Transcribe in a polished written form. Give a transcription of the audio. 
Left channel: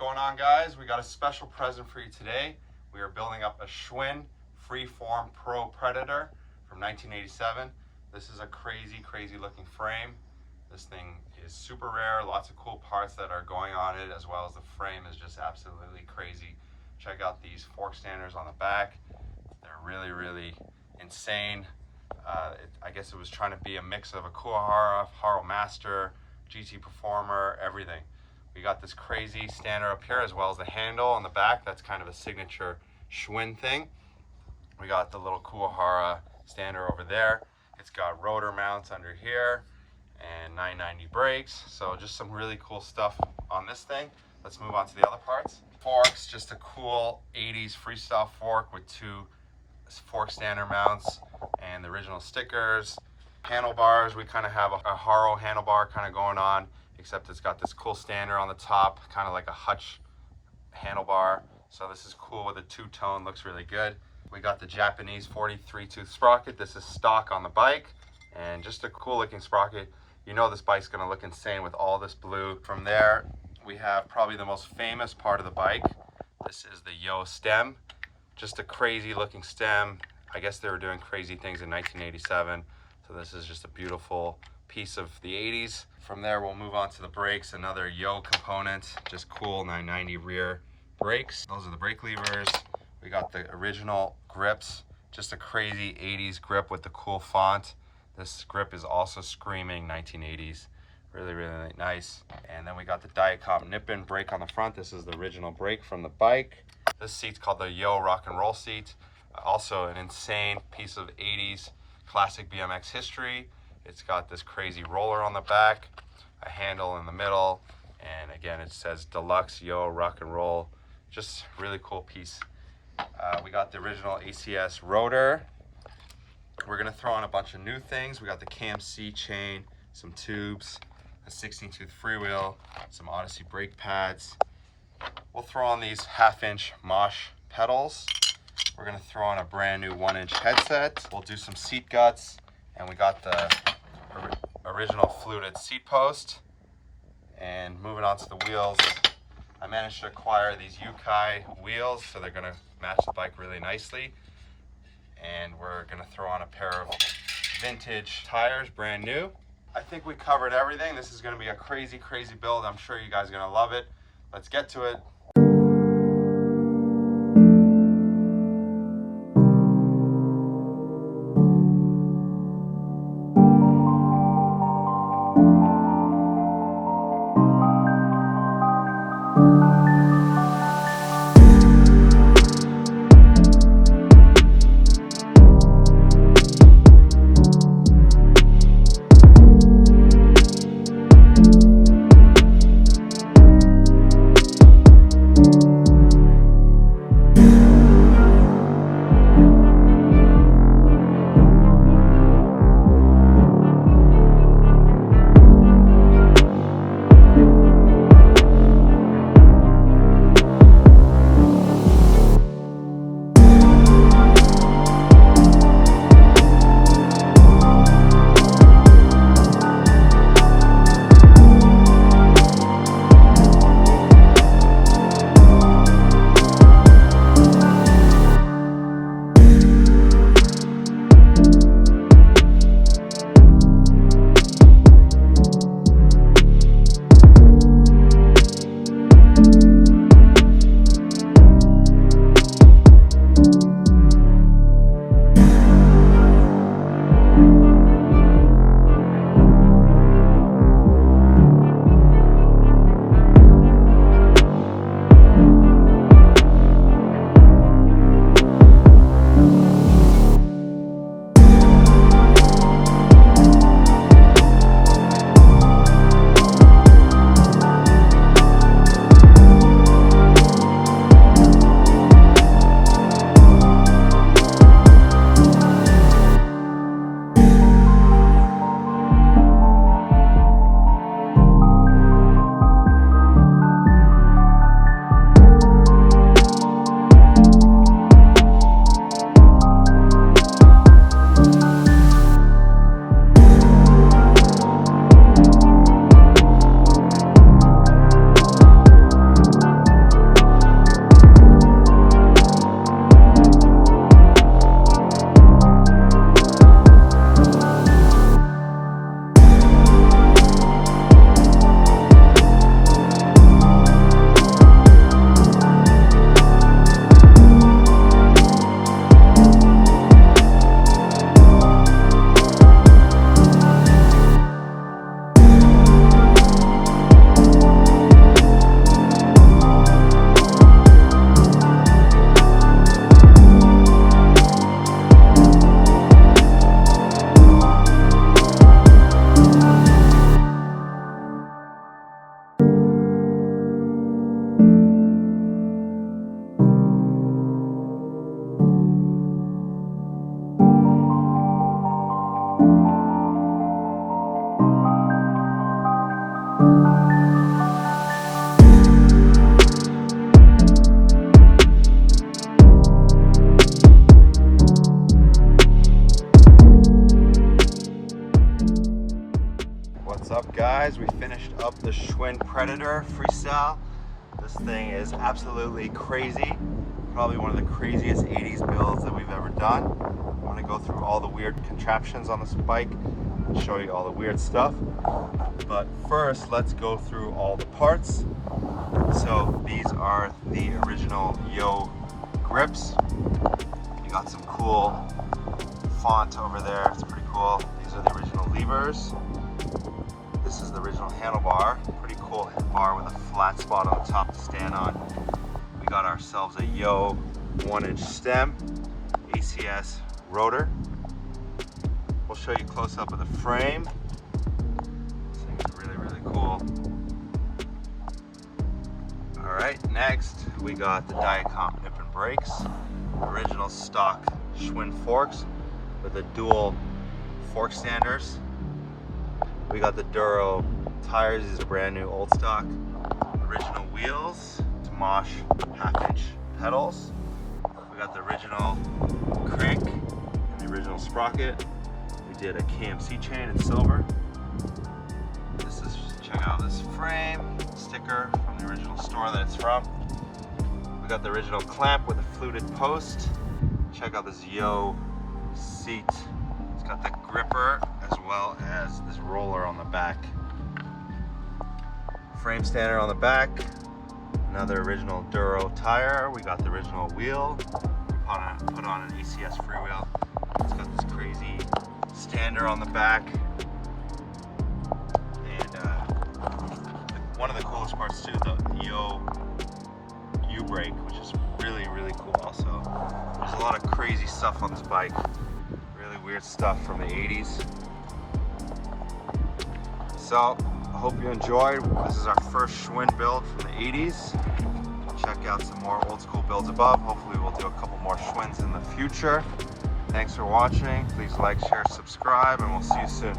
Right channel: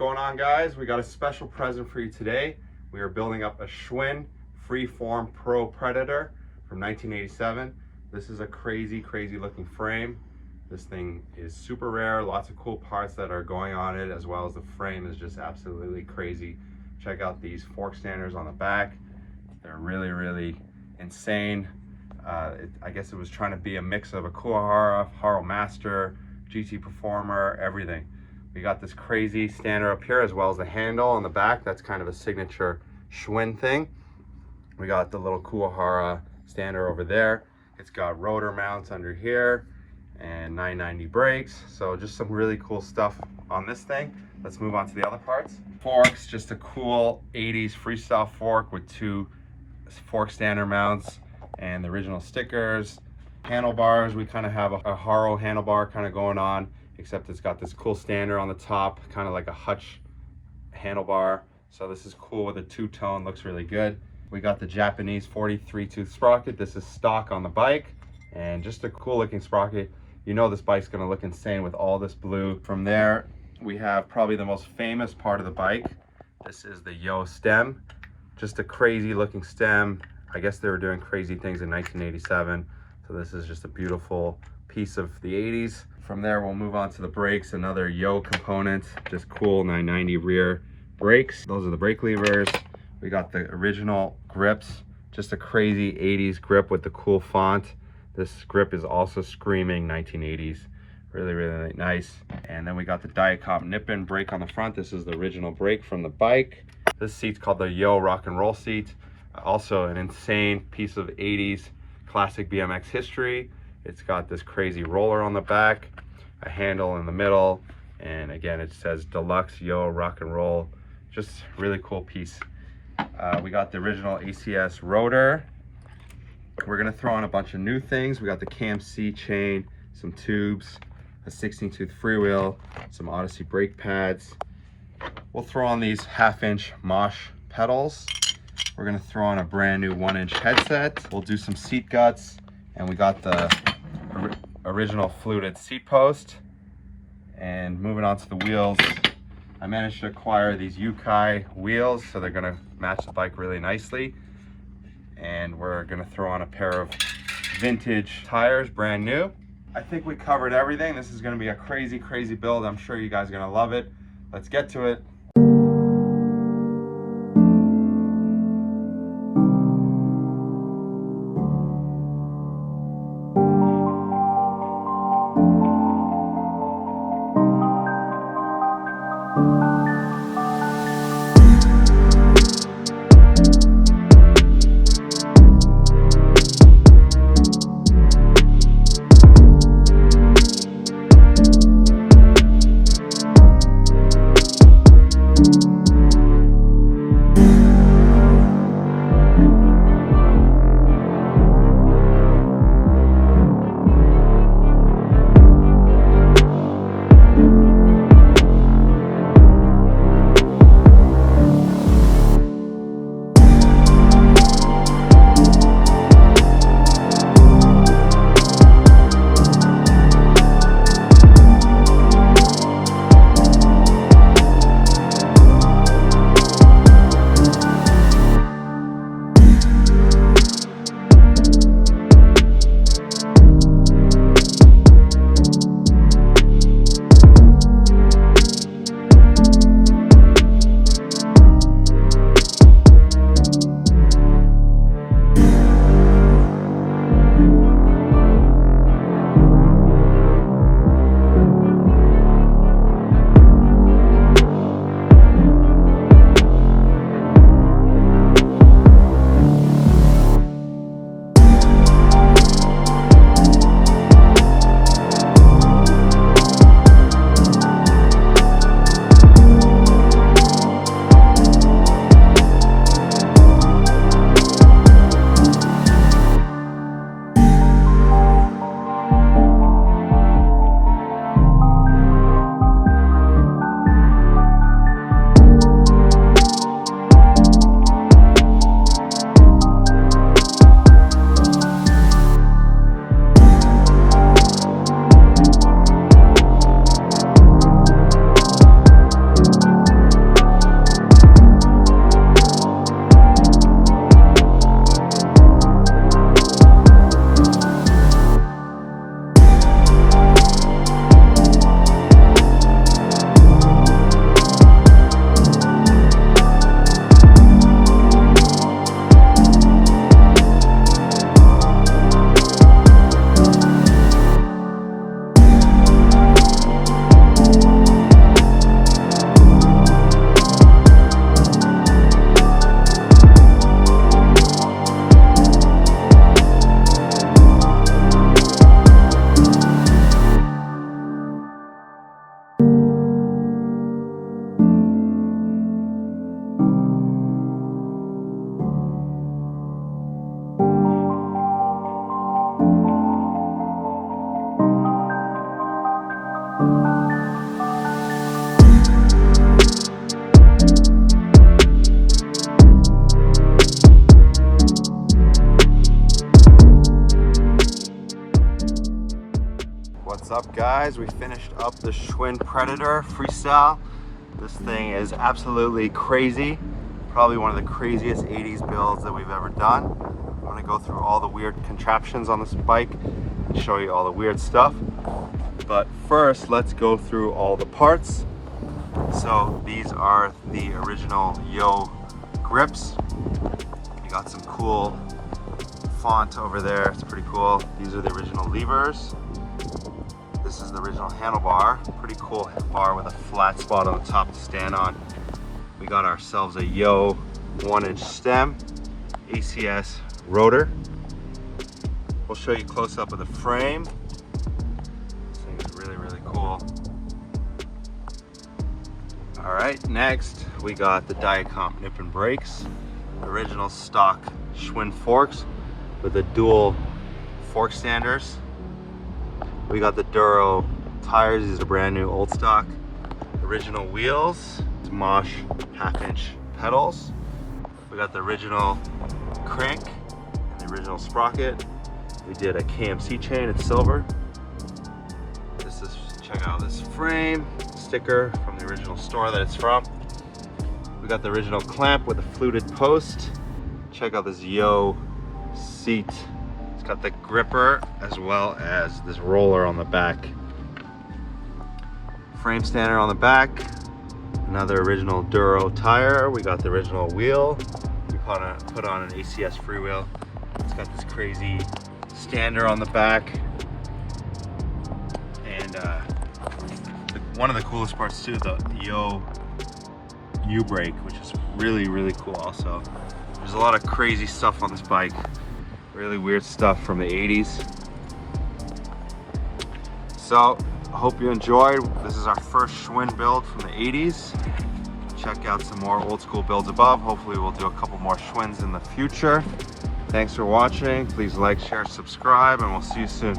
going on, guys? We got a special present for you today. We are building up a Schwinn Freeform Pro Predator from 1987. This is a crazy looking frame. This thing is super rare, lots of cool parts that are going on it, as well as the frame is just absolutely crazy. Check out these fork standers on the back. They're really insane. I guess it was trying to be a mix of a Kuwahara, Haro Master, GT Performer, everything. We got this crazy stander up here, as well as the handle on the back. That's kind of a signature Schwinn thing. We got the little Kuwahara stander over there. It's got rotor mounts under here and 990 brakes. So just some really cool stuff on this thing. Let's move on to the other parts. Forks, just a cool 80s freestyle fork with two fork stander mounts and the original stickers. Handlebars, we kind of have a Haro handlebar kind of going on, except it's got this cool stander on the top, kind of like a hutch handlebar. So this is cool with a two-tone, looks really good. We got the Japanese 43 tooth sprocket. This is stock on the bike and just a cool looking sprocket. You know this bike's gonna look insane with all this blue. From there, we have probably the most famous part of the bike. This is the Yo stem. Just a crazy looking stem. I guess they were doing crazy things in 1987. So this is just a beautiful piece of the 80s. From there, we'll move on to the brakes, another Yo component, just cool 990 rear brakes. Those are the brake levers. We got the original grips, just a crazy 80s grip with the cool font. This grip is also screaming 1980s. Really nice. And then we got the Diacom nip-in brake on the front. This is the original brake from the bike. This seat's called the Yo rock and roll seat. Also an insane piece of 80s classic BMX history. It's got this crazy roller on the back, a handle in the middle, and again it says Deluxe Yo rock and roll. Just really cool piece. We got the original ACS rotor. We're gonna throw on a bunch of new things. We got the Cam C chain, some tubes, a 16 tooth freewheel, some Odyssey brake pads. We'll throw on these 1/2-inch Mosh pedals. We're gonna throw on a brand new 1-inch headset. We'll do some seat guts, and we got the original fluted seat post. And moving on to the wheels, I managed to acquire these Yukai wheels, so they're gonna match the bike really nicely. And we're gonna throw on a pair of vintage tires, brand new. I think we covered everything. This is gonna be a crazy build. I'm sure you guys are gonna love it. Let's get to it. Schwinn Predator freestyle. This thing is absolutely crazy. Probably one of the craziest 80s builds that we've ever done. I'm gonna go through all the weird contraptions on this bike and show you all the weird stuff. But first, let's go through all the parts. So these are the original Yo grips. You got some cool font over there, it's pretty cool. These are the original levers. This is the original handlebar. Pretty cool bar with a flat spot on the top to stand on. We got ourselves a Yo 1-inch stem, ACS rotor. We'll show you close up of the frame. This thing is really, really cool. All right, next we got the Diacomp nip and brakes. Original stock Schwinn forks with the dual fork standers. We got the Duro tires. These are brand new, old stock. Original wheels, Mosh half-inch pedals. We got the original crank and the original sprocket. We did a KMC chain in silver. This is, check out this frame, sticker from the original store that it's from. We got the original clamp with a fluted post. Check out this Yo seat. It's got the gripper as well as this roller on the back. Frame standard on the back. Another original Duro tire. We got the original wheel. We put on an ACS freewheel. It's got this crazy stander on the back. And one of the coolest parts too, the Yo U-brake, which is really, really cool also. There's a lot of crazy stuff on this bike. Really weird stuff from the 80s. So, I hope you enjoyed. This is our first Schwinn build from the 80s. Check out some more old school builds above. Hopefully we'll do a couple more Schwinns in the future. Thanks for watching. Please like, share, subscribe, and we'll see you soon.